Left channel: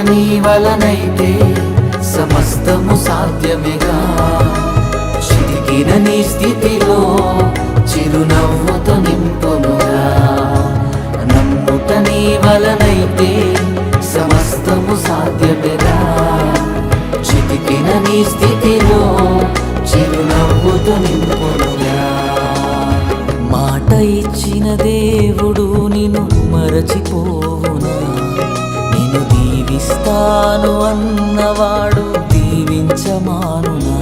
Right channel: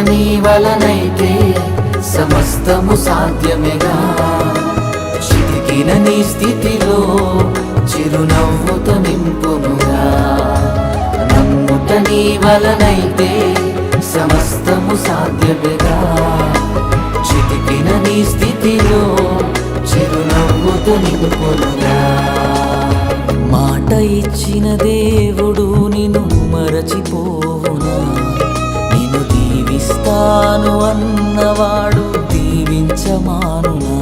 నీ వలనైతే సమస్తము సాధ్యమేగా. చితికిన నీ స్థితిలో చిరునవ్వుతో నింపునుగా. నమ్ముట నీ వలనైతే సమస్తము సాధ్యమేగా. చితికిన నీ స్థితిలో చిరునవ్వుతో నింపునుగా. మాట ఇచ్చిన దేవుడు నిన్ను మరచిపోవునా? నిన్ను దీవిస్తాను అన్నవాడు దీవించమానునా?